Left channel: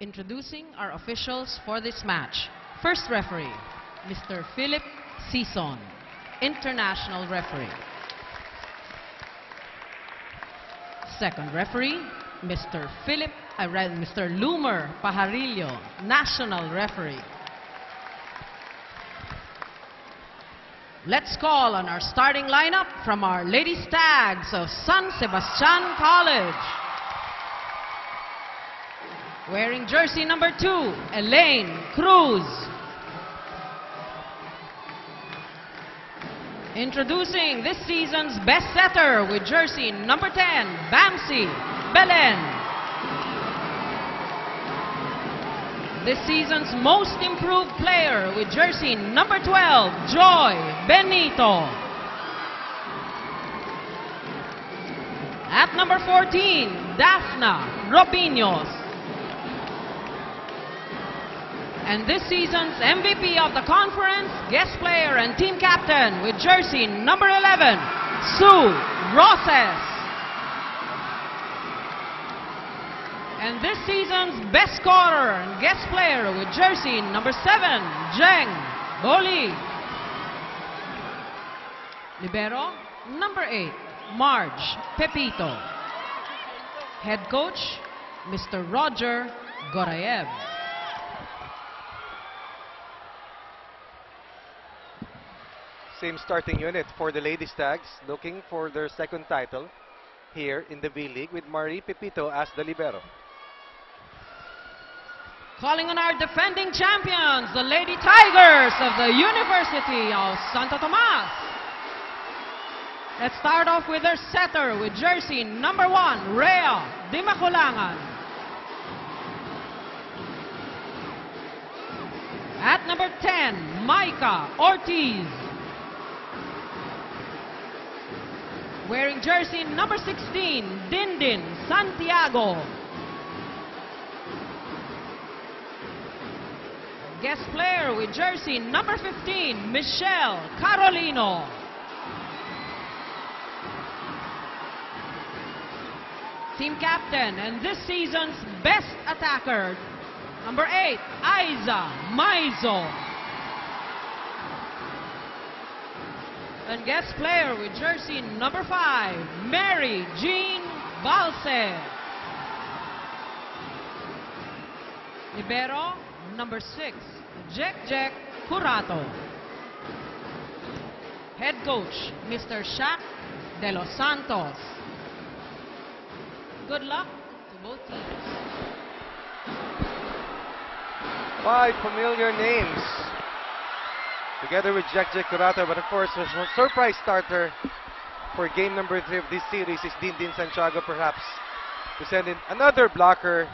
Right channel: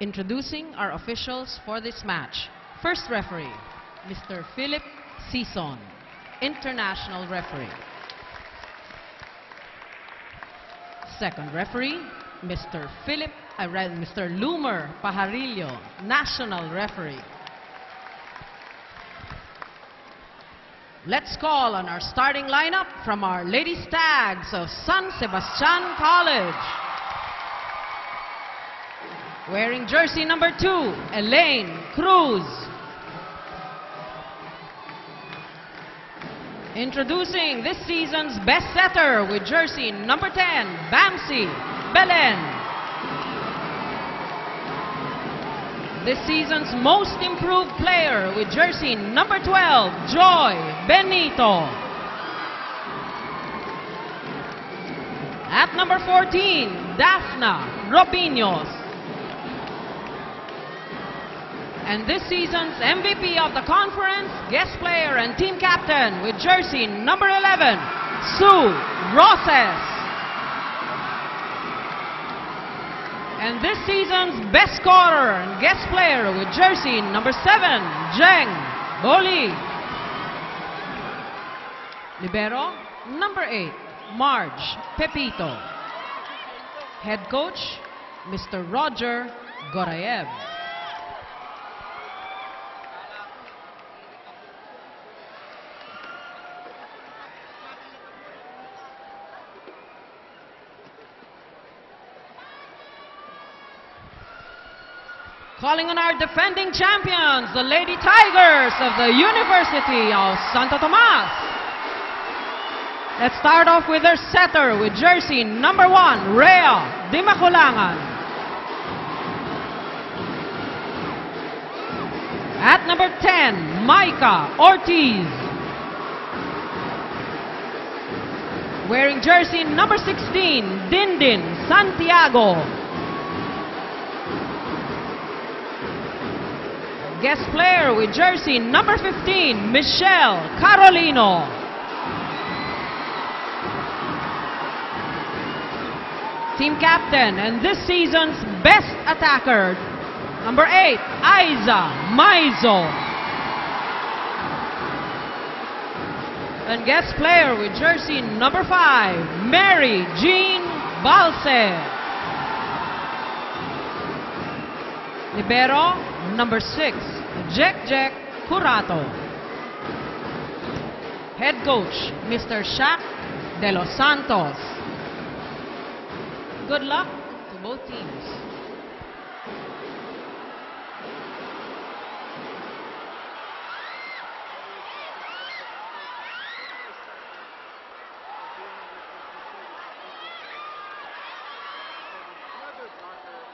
Introducing our officials for this match. First referee, Mr. Philip Sison, international referee. Second referee, Mr. Loomer Pajarillo, national referee. Let's call on our starting lineup from our Lady Stags of San Sebastian College. Wearing jersey number 2, Elaine Cruz. Introducing this season's best setter with jersey number 10, Bamsi Belen. This season's most improved player with jersey number 12, Joy Benito. At number 14, Daphna Robinos. And this season's MVP of the conference, guest player and team captain with jersey number 11, Sue Roses. And this season's best scorer and guest player with jersey number 7, Jeng Boli. Libero, number 8, Marge Pepito. Head coach, Mr. Roger Gorayev. Same starting unit for the Lady Stags, looking for their second title here in the V-League with Marie Pepito as the libero. Calling on our defending champions, the Lady Tigers of the University of Santo Tomas. Let's start off with their setter with jersey number 1, Rhea Di Maculangan. At number 10, Micah Ortiz. Wearing jersey number 16, Dindin Santiago. Guest player with jersey number 15, Michelle Carolino. Team captain and this season's best attacker, number 8, Aiza Maizo. And guest player with jersey number 5, Mary Jean Balse. Libero, number 6, Jack Curato. Head coach, Mr. Shaq De Los Santos. Good luck to both teams. 5 familiar names, together with Jack Curato, but of course, a surprise starter for game number 3 of this series is Dindin Santiago, perhaps, to send in another blocker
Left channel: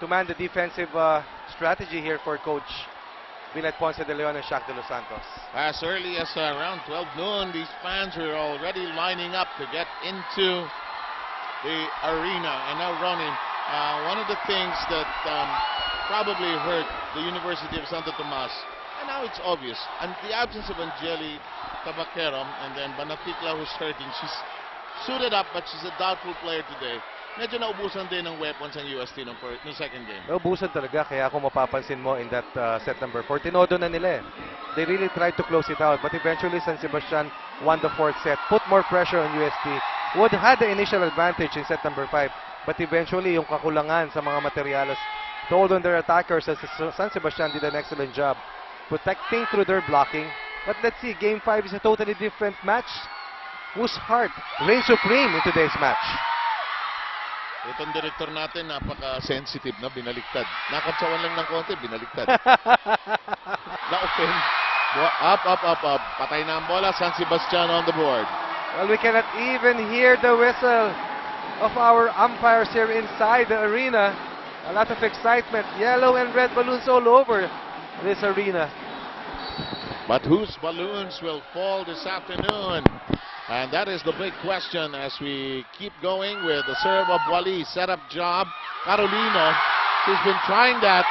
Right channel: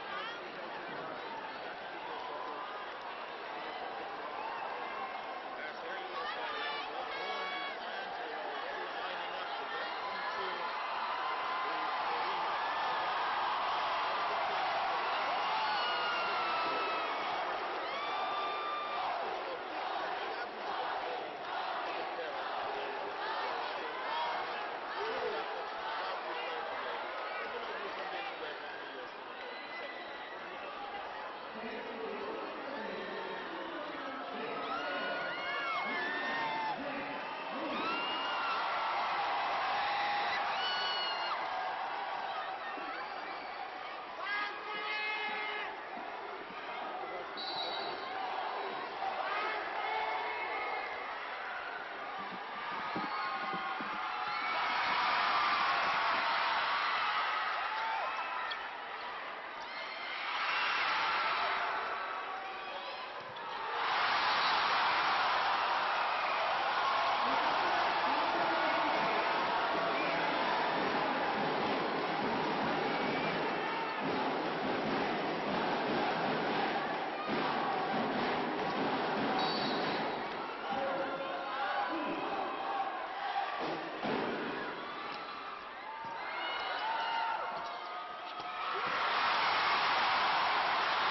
to man the defensive strategy here for Coach Vilet Ponce de Leon and Shaq De Los Santos. As early as around 12 noon, these fans are already lining up to get into the arena and now running. One of the things that probably hurt the University of Santo Tomas, and now it's obvious, and the absence of Angeli Tabaqueron, and then Banatikla, who's hurting. She's suited up, but she's a doubtful player today. Medyo naubusan din ng weapons ang UST ng second game. Naubusan talaga, kaya kung mapapansin mo in that set number 4, tinodo na nila eh. They really tried to close it out, but eventually San Sebastian won the 4th set, put more pressure on UST, who had the initial advantage in set number 5, but eventually yung kakulangan sa mga materialos told on their attackers, as San Sebastian did an excellent job protecting through their blocking. But let's see, game 5 is a totally different match. Whose heart reigns supreme in today's match? Itong director natin, napaka-sensitive na, binaliktad. Nakatsawan lang ng konti, binaliktad. Na-open. Up. Patay na ang bola, San Sebastian on the board. Well, we cannot even hear the whistle of our umpires here inside the arena. A lot of excitement, yellow and red balloons all over this arena. But whose balloons will fall this afternoon? And that is the big question as we keep going with the serve of Wally. Setup job. Carolino, she's been trying that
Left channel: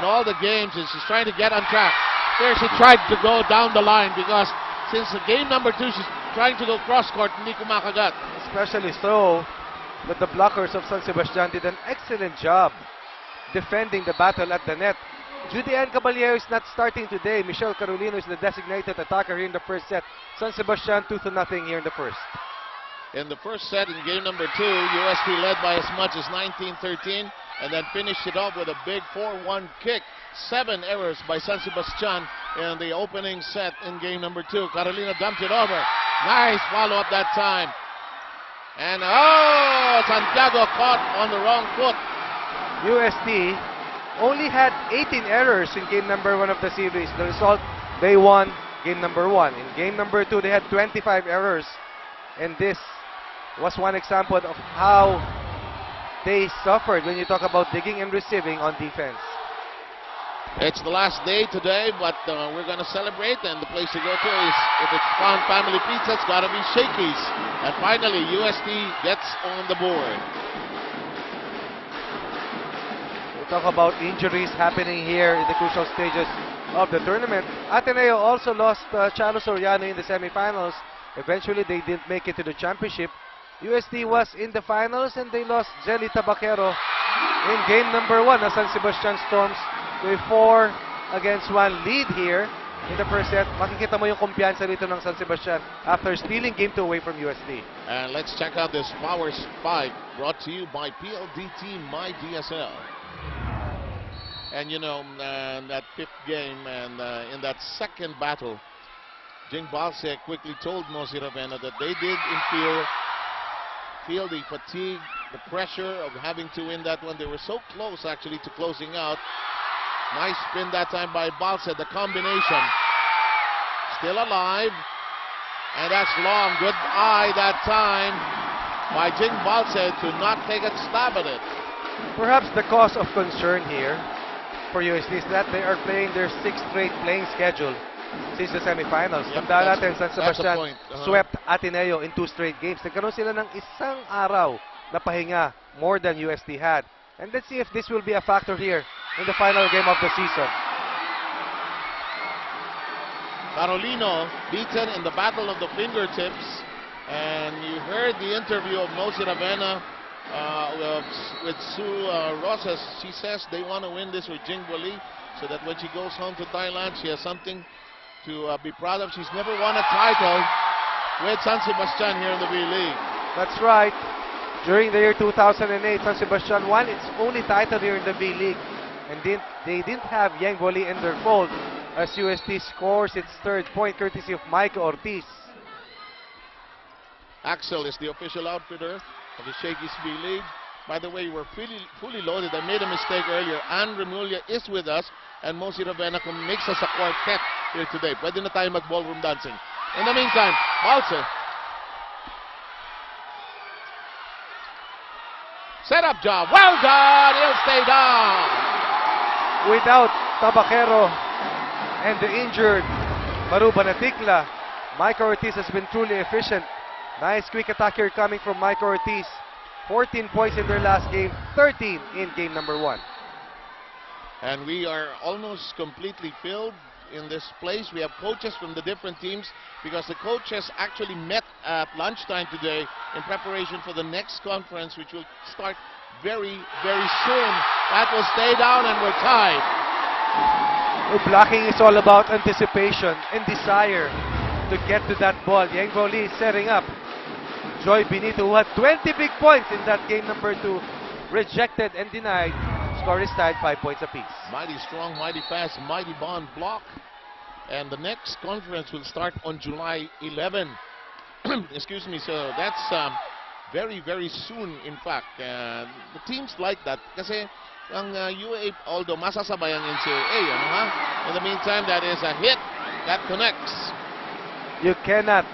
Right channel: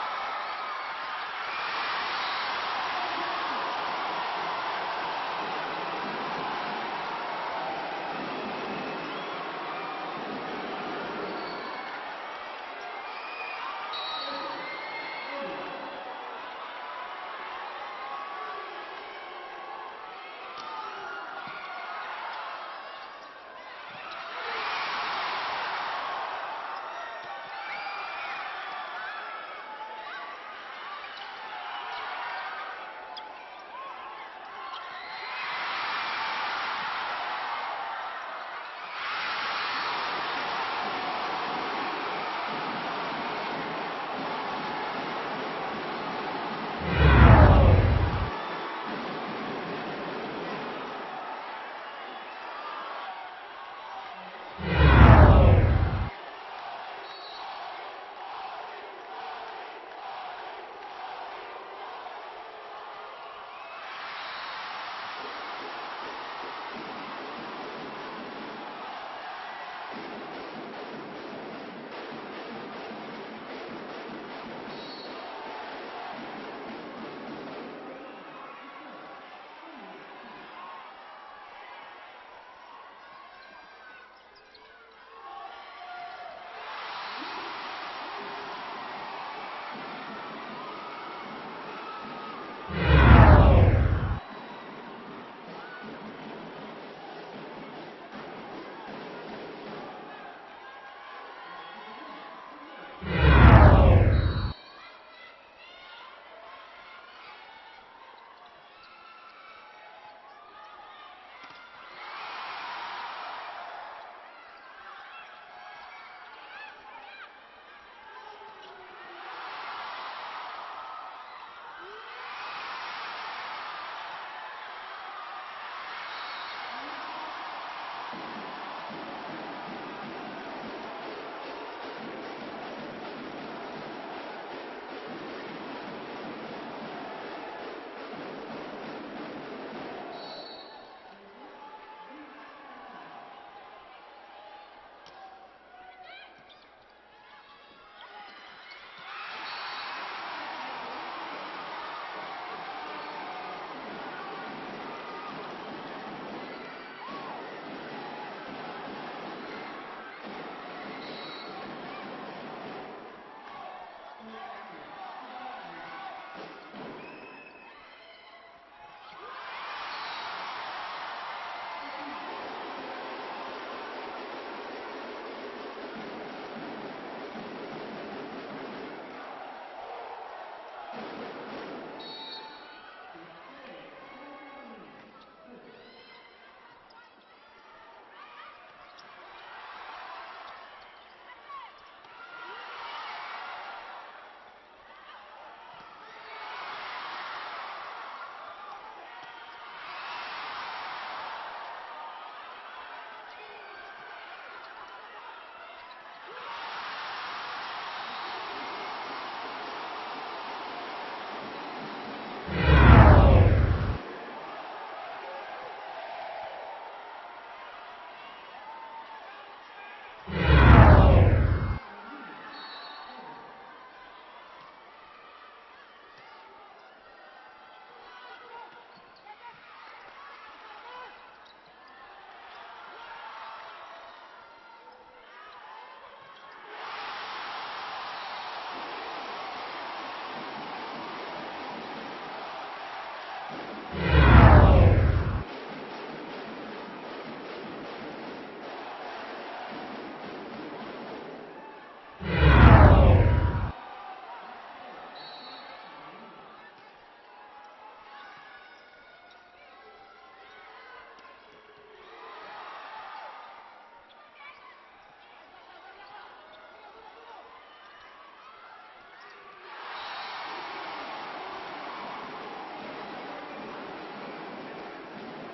in all the games, and she's trying to get on track. Here she tried to go down the line because since game number 2, she's trying to go cross-court, hindi kumakagat. Especially so that the blockers of San Sebastian did an excellent job defending the battle at the net. Judy Ann Caballero is not starting today. Michelle Carolino is the designated attacker here in the first set. San Sebastian 2-0 here in the first. In the first set, in game number 2, UST led by as much as 19-13 and then finished it off with a big 4-1 kick. 7 errors by San Sebastian in the opening set in game number 2. Carolina dumped it over. Nice follow-up that time. And Santiago caught on the wrong foot. UST only had 18 errors in game number 1 of the series. They won game number 1. In game number 2, they had 25 errors. And this was one example of how they suffered when you talk about digging and receiving on defense. It's the last day today, but we're going to celebrate, and the place to go to is, if it's Crown Family Pizza, it's got to be Shakey's. And finally, UST gets on the board. We talk about injuries happening here in the crucial stages of the tournament. Ateneo also lost Chalo Soriano in the semifinals. Eventually, they didn't make it to the championship. UST was in the finals and they lost Jelly Tabaquero in game number 1 as San Sebastian Storms to a 4-1 lead here. In the first set, makikita mo yung kumpiyansa dito ng San Sebastian after stealing game 2 away from UST. And let's check out this Power 5 brought to you by PLDT MyDSL. And you know, that 5th game and in that second battle, Jing Balsec quickly told Mosi Ravenna that they did feel the fatigue, the pressure of having to win that one. They were so close actually to closing out. Nice spin that time by Balsec, the combination. Still alive. And that's long. Good eye that time by Jing Balsec to not take a stab at it. Perhaps the cause of concern here for UST is that they are playing their 6th straight playing schedule since the semifinals. Yep, Tandaan natin, San Sebastian swept Ateneo in 2 straight games. Nagkaroon sila ng isang araw na pahinga, more than UST had. And let's see if this will be a factor here in the final game of the season. Carolino beaten in the battle of the fingertips. And you heard the interview of Mosi Ravenna with Sue Rosas. She says they want to win this with Jingwali so that when she goes home to Thailand, she has something to be proud of. She's never won a title with San Sebastian here in the V-League. That's right. During the year 2008, San Sebastian won its only title here in the V-League. And they didn't have Yang Voli in their fold as UST scores its 3rd point courtesy of Mike Ortiz. Axel is the official outfitter of the Shakey's V-League. By the way, we're fully loaded. I made a mistake earlier. Ann Remulla is with us, and Mosi Ravenna makes us a quartet here today. Pwede na tayo mag-ballroom dancing. In the meantime, Balsec. Set-up job. Well done. He'll stay down. Without Tabaquero and the injured Maru Banatikla, Mike Ortiz has been truly efficient. Nice quick attack here coming from Mike Ortiz. 14 points in their last game, 13 in game number 1. And we are almost completely filled in this place. We have coaches from the different teams because the coaches actually met at lunchtime today in preparation for the next conference, which will start very, very soon. That will stay down and we're tied. Blocking is all about anticipation and desire to get to that ball. Yang Voli is setting up. Joy Benito, who had 20 big points in that game number 2, rejected and denied. Score is tied 5 points apiece. Mighty strong, mighty fast, mighty bond block. And the next conference will start on July 11. Excuse me, so that's very, very soon, in fact. The teams like that kasi ang UA, although masasabay ang NCAA, in the meantime, that is a hit that connects. You cannot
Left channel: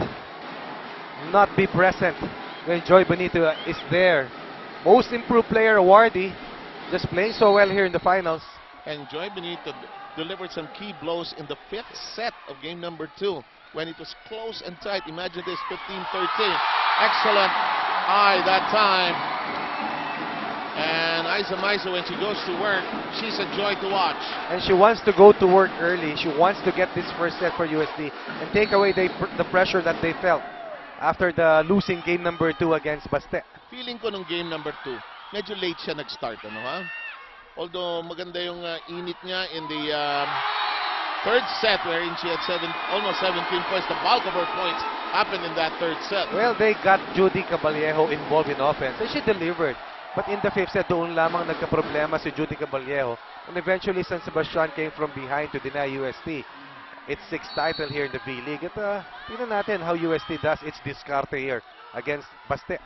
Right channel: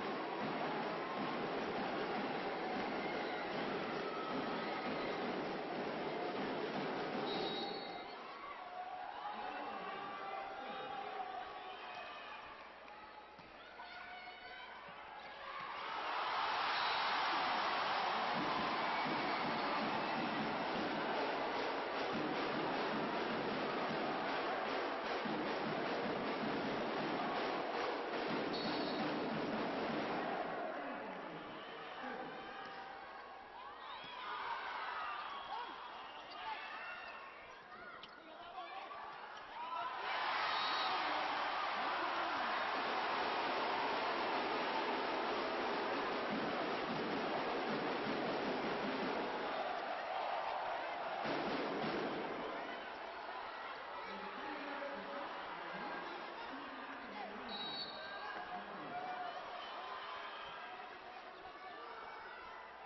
not be present when Joy Benito is there. Most improved player awardee, just playing so well here in the finals. And Joy Benito delivered some key blows in the 5th set of game number 2 when it was close and tight. Imagine this, 15-13. Excellent eye that time. And Isa Maisa, when she goes to work, she's a joy to watch. And she wants to go to work early. She wants to get this first set for UST and take away the pressure that they felt after the losing game number 2 against Baste. Feeling ko nung game number 2, medyo late siya nag-start, ano ha? Although maganda yung init niya in the third set, wherein she had almost 17 points. The bulk of her points happened in that third set. Well, they got Judy Caballejo involved in offense and she delivered. But in the fifth set, doon lamang nagka-problema si Judy Caballejo. And eventually, San Sebastian came from behind to deny UST its sixth title here in the B-League. At tingnan natin how UST does its discarte here against Baste.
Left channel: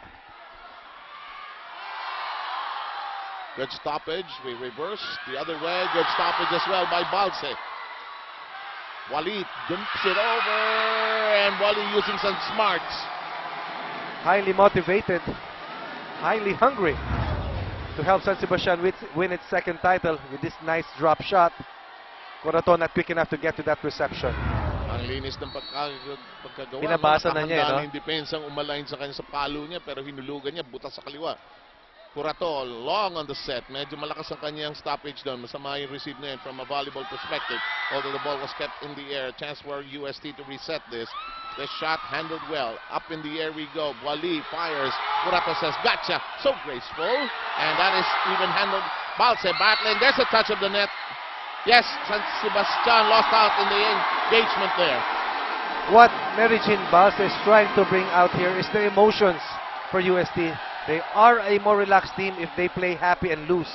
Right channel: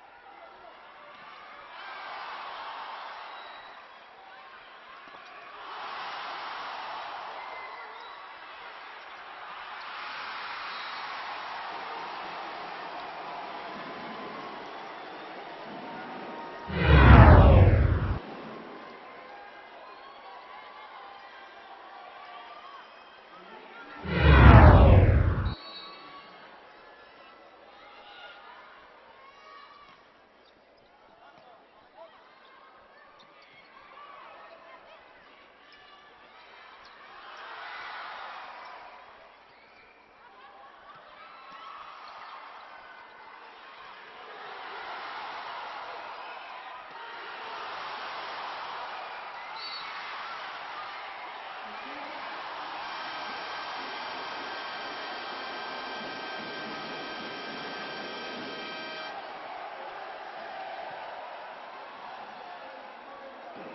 Good stoppage. We reverse the other way. Good stoppage as well by Balse. Wally dumps it over, and Wally using some smarts. Highly motivated, highly hungry to help San Sebastian win its second title with this nice drop shot. Curato not quick enough to get to that reception. Linis ng pagkagawa. Binabasa na niya, no? Yung depensang umalain sa kanya sa palo niya, pero hinulugan niya, butas sa kaliwa. Curato, long on the set. Medyo malakas ang kanyang stoppage doon. Masama yung receive na yun from a volleyball perspective. Although the ball was kept in the air. Chance for UST to reset this. The shot handled well. Up in the air we go. Wally fires. Curato says, gotcha. So graceful. And that is even handled. Balse battling. There's a touch of the net. Yes, San Sebastian lost out in the engagement there. What Mary Jean Balse is trying to bring out here is the emotions for UST. They are a more relaxed team if they play happy and loose.